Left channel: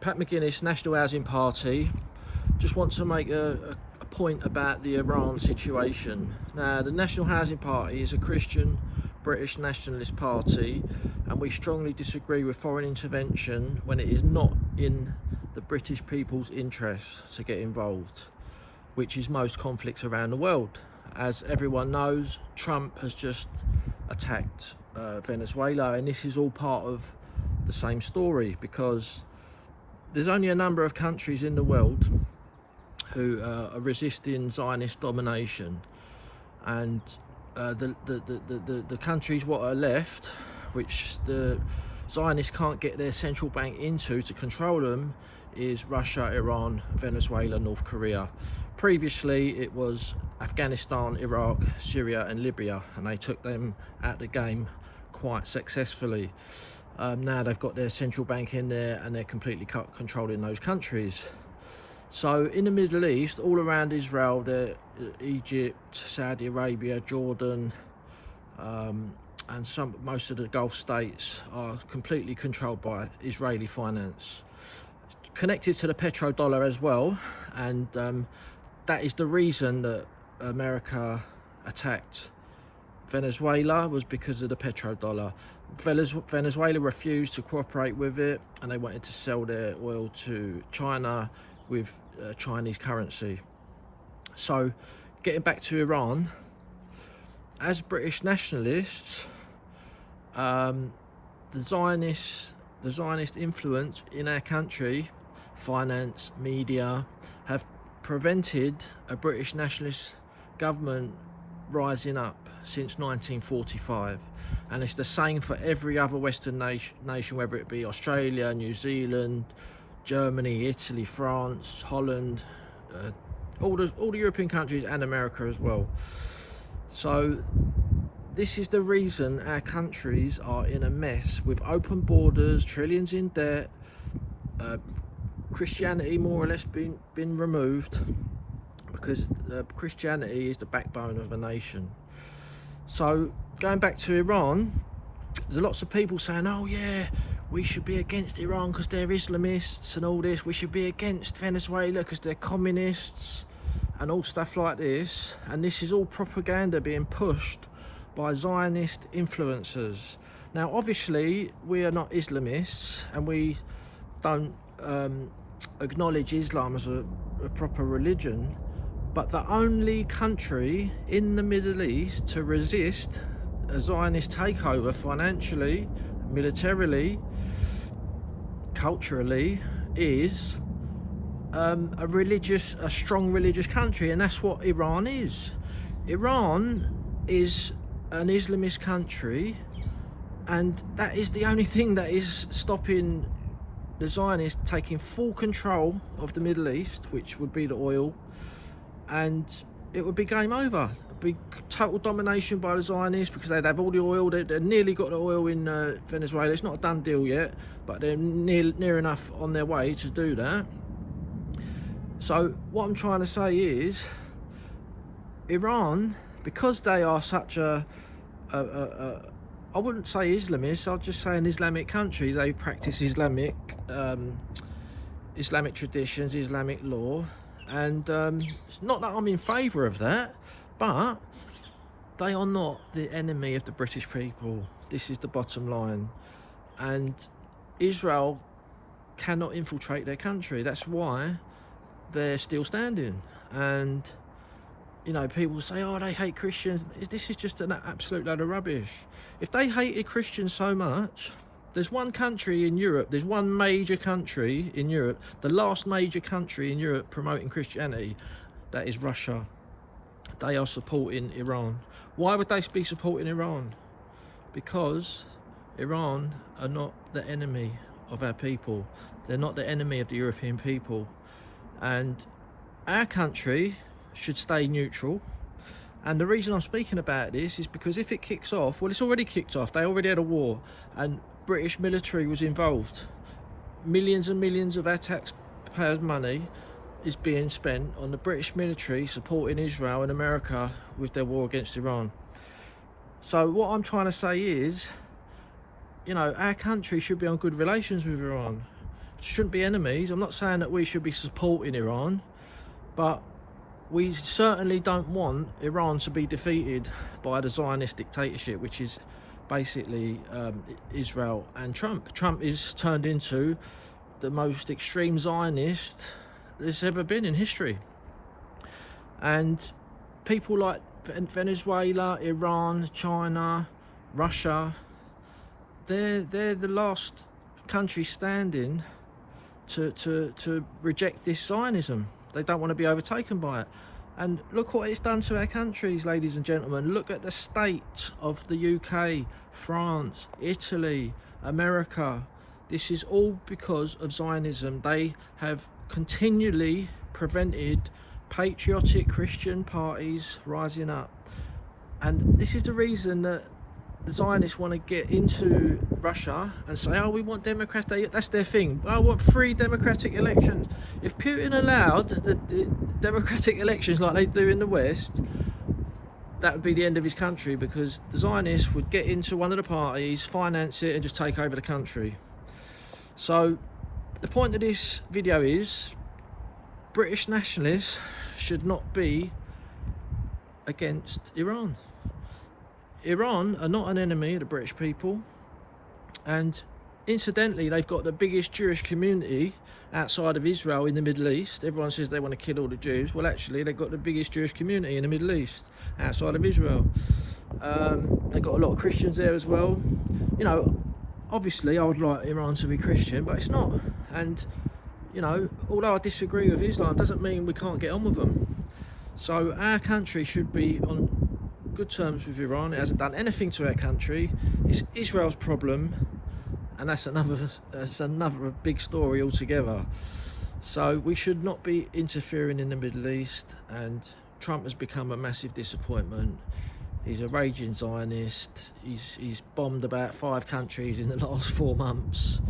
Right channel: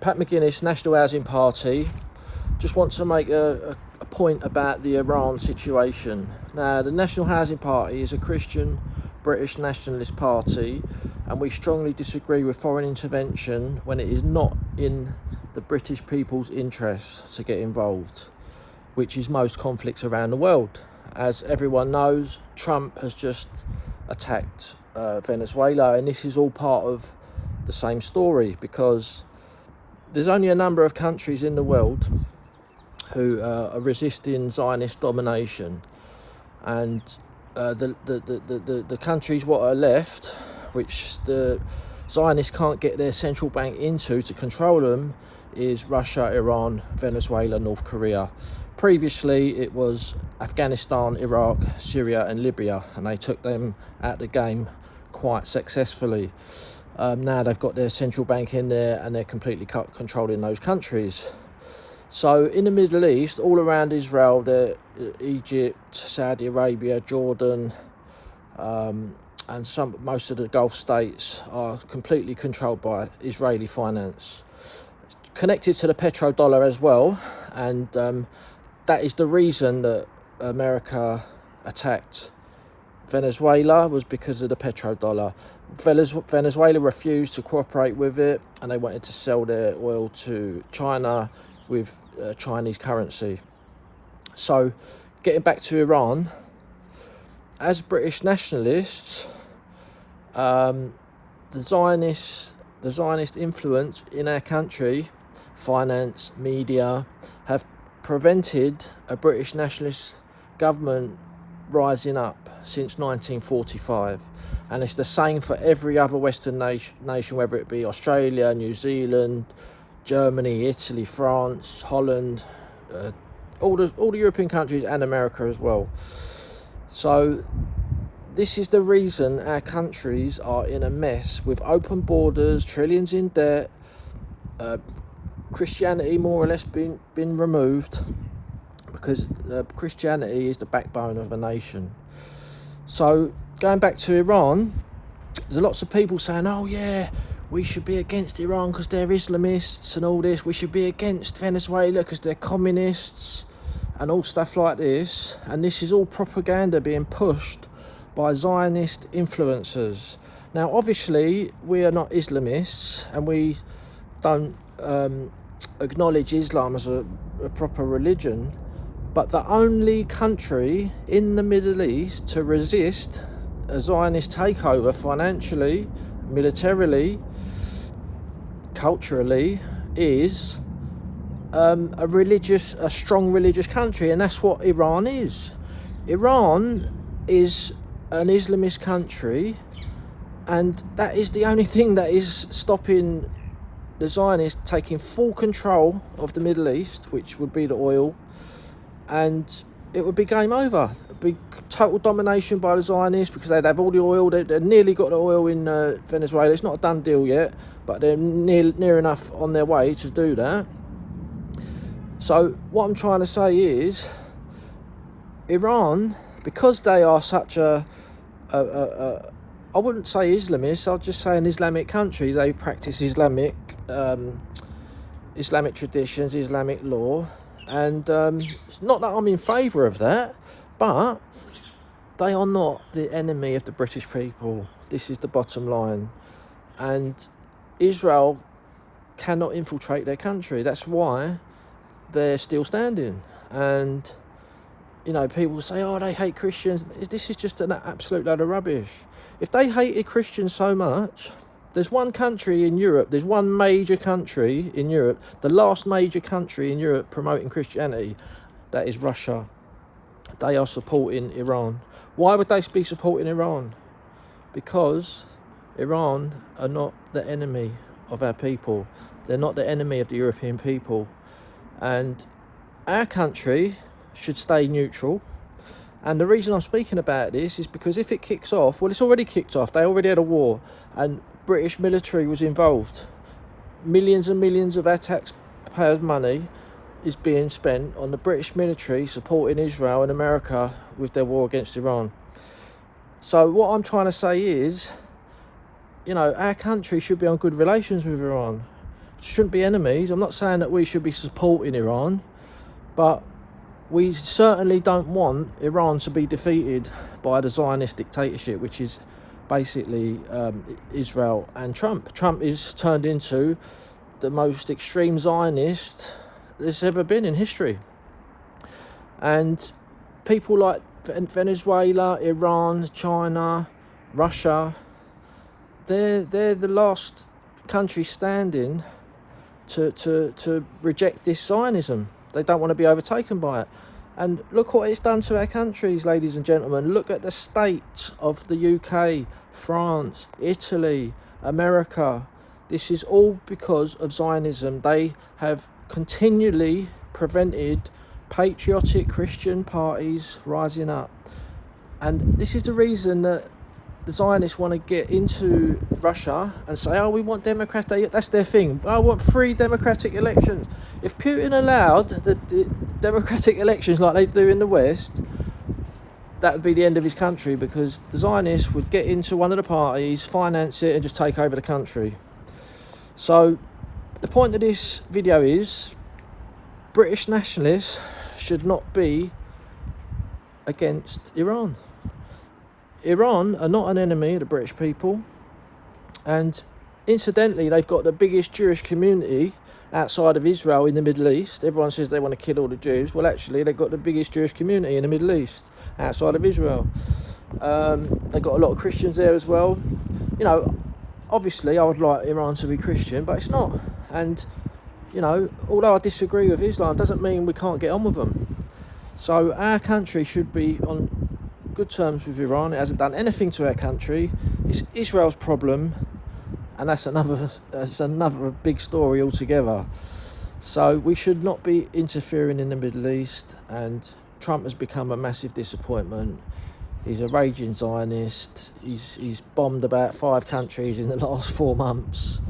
Pat McGuinness, National Housing Party. Just want to make a point about the Iran situation. Now, the National Housing Party is a Christian British nationalist party, and we strongly disagree with foreign intervention when it is not in the British people's interests to get involved, which is most conflicts around the world. As everyone knows, Trump has just attacked Venezuela, and this is all part of the same story, because there's only a number of countries in the world who are resisting Zionist domination, and the countries what are left, which the Zionists can't get their central bank into to control them, is Russia, Iran, Venezuela, North Korea. Previously it was Afghanistan, Iraq, Syria and Libya, and they took them out of the game quite successfully. Now they've got their central bank in there and they're completely controlling those countries. So in the Middle East, all around Israel, Egypt, Saudi Arabia, Jordan, and most of the Gulf states are completely controlled by Israeli finance, connected to the petrodollar as well. And that is the reason that America attacked Venezuela, was because of the petrodollar. Venezuela refused to cooperate with it, and they wanted to sell their oil to China with Chinese currency. So getting back to Iran, as British nationalists, the Zionist influence in our country, finance, media, have prevented a British nationalist government rising up since 1945. And it's the same for every other Western nation, whether it be Australia, New Zealand, Germany, Italy, France, Holland, all the European countries, and America as well. So this is the reason our countries are in a mess, with open borders, trillions in debt, Christianity more or less been removed, because Christianity is the backbone of a nation. So going back to Iran, there's lots of people saying, oh yeah, we should be against Iran because they're Islamists and all this. We should be against Venezuela because they're communists and all stuff like this. And this is all propaganda being pushed by Zionist influencers. Now, obviously, we are not Islamists, and we don't acknowledge Islam as a proper religion. But the only country in the Middle East to resist a Zionist takeover financially, militarily, culturally, is a strong religious country, and that's what Iran is. Iran is an Islamist country, and that is the only thing that is stopping the Zionists taking full control of the Middle East, which would be the oil, and it would be game over. It would be total domination by the Zionists, because they'd have all the oil. They've nearly got the oil in Venezuela. It's not a done deal yet, but they're near enough on their way to do that. So what I'm trying to say is, Iran, because they are such I wouldn't say Islamist, I'll just say an Islamic country. They practice Islamic traditions, Islamic law, and it's not that I'm in favour of that, but they are not the enemy of the British people. This is the bottom line. And Israel cannot infiltrate their country. That's why they're still standing. And you know, people say, oh, they hate Christians. This is just an absolute load of rubbish. If they hated Christians so much, there's one country in Europe, there's one major country in Europe, the last major country in Europe promoting Christianity, that is Russia. They are supporting Iran. Why would they be supporting Iran? Because Iran are not the enemy of our people. They're not the enemy of the European people. And our country should stay neutral. And the reason I'm speaking about this is because if it kicks off, well, it's already kicked off. They already had a war, and British military was involved. Millions and millions of our taxpayers' money is being spent on the British military supporting Israel and America with their war against Iran. So what I'm trying to say is, you know, our country should be on good relations with Iran. shouldn't be enemies. I'm not saying that we should be supporting Iran, but we certainly don't want Iran to be defeated by the Zionist dictatorship, which is basically Israel and Trump. Trump is turned into the most extreme Zionist there's ever been in history. And people like Venezuela, Iran, China, Russia, they're the last country standing to reject this Zionism. They don't want to be overtaken by it. And look what it's done to our countries, ladies and gentlemen. Look at the state of the UK, France, Italy, America. This is all because of Zionism. They have continually prevented patriotic Christian parties rising up. And this is the reason that the Zionists want to get into Russia and say, oh, we want democratic, that's their thing. I want free democratic elections. If Putin allowed the democratic elections like they do in the West, that would be the end of his country, because the Zionists would get into one of the parties, finance it, and just take over the country. So the point of this video is British nationalists should not be against Iran. Iran are not an enemy of the British people, and incidentally they've got the biggest Jewish community outside of Israel in the Middle East. Everyone says they want to kill all the Jews. Well, actually they've got the biggest Jewish community in the Middle East outside of Israel. They've got a lot of Christians there as well. You know, obviously I would like Iran to be Christian, but it's not. And you know, although I disagree with Islam, doesn't mean we can't get on with them. So our country should be on good terms with Iran. It hasn't done anything to our country. It's Israel's problem, and that's another big story altogether. So we should not be interfering in the Middle East, and Trump has become a massive disappointment. He's a raging Zionist. He's bombed about 5 countries in the last 4 months,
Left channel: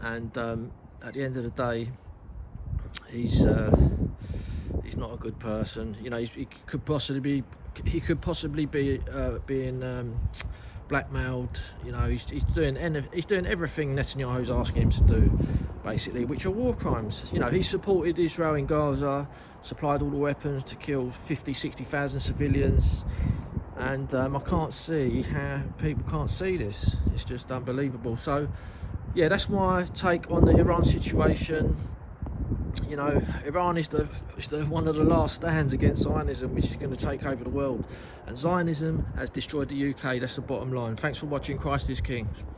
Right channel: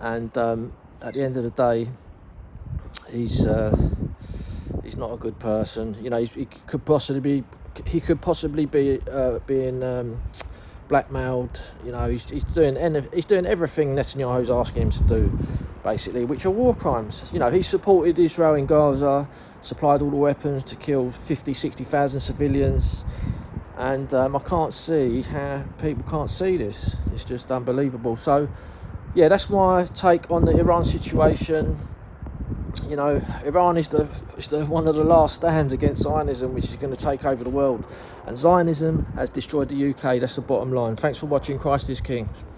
and at the end of the day, he's not a good person. You know, he could possibly be being blackmailed. You know, he's doing everything Netanyahu's asking him to do, basically, which are war crimes. You know, he supported Israel in Gaza, supplied all the weapons to kill 60,000 civilians, and I can't see how people can't see this. It's just unbelievable. So yeah, that's my take on the Iran situation. You know, Iran is one of the last stands against Zionism, which is going to take over the world. And Zionism has destroyed the UK. That's the bottom line. Thanks for watching. Christ is King.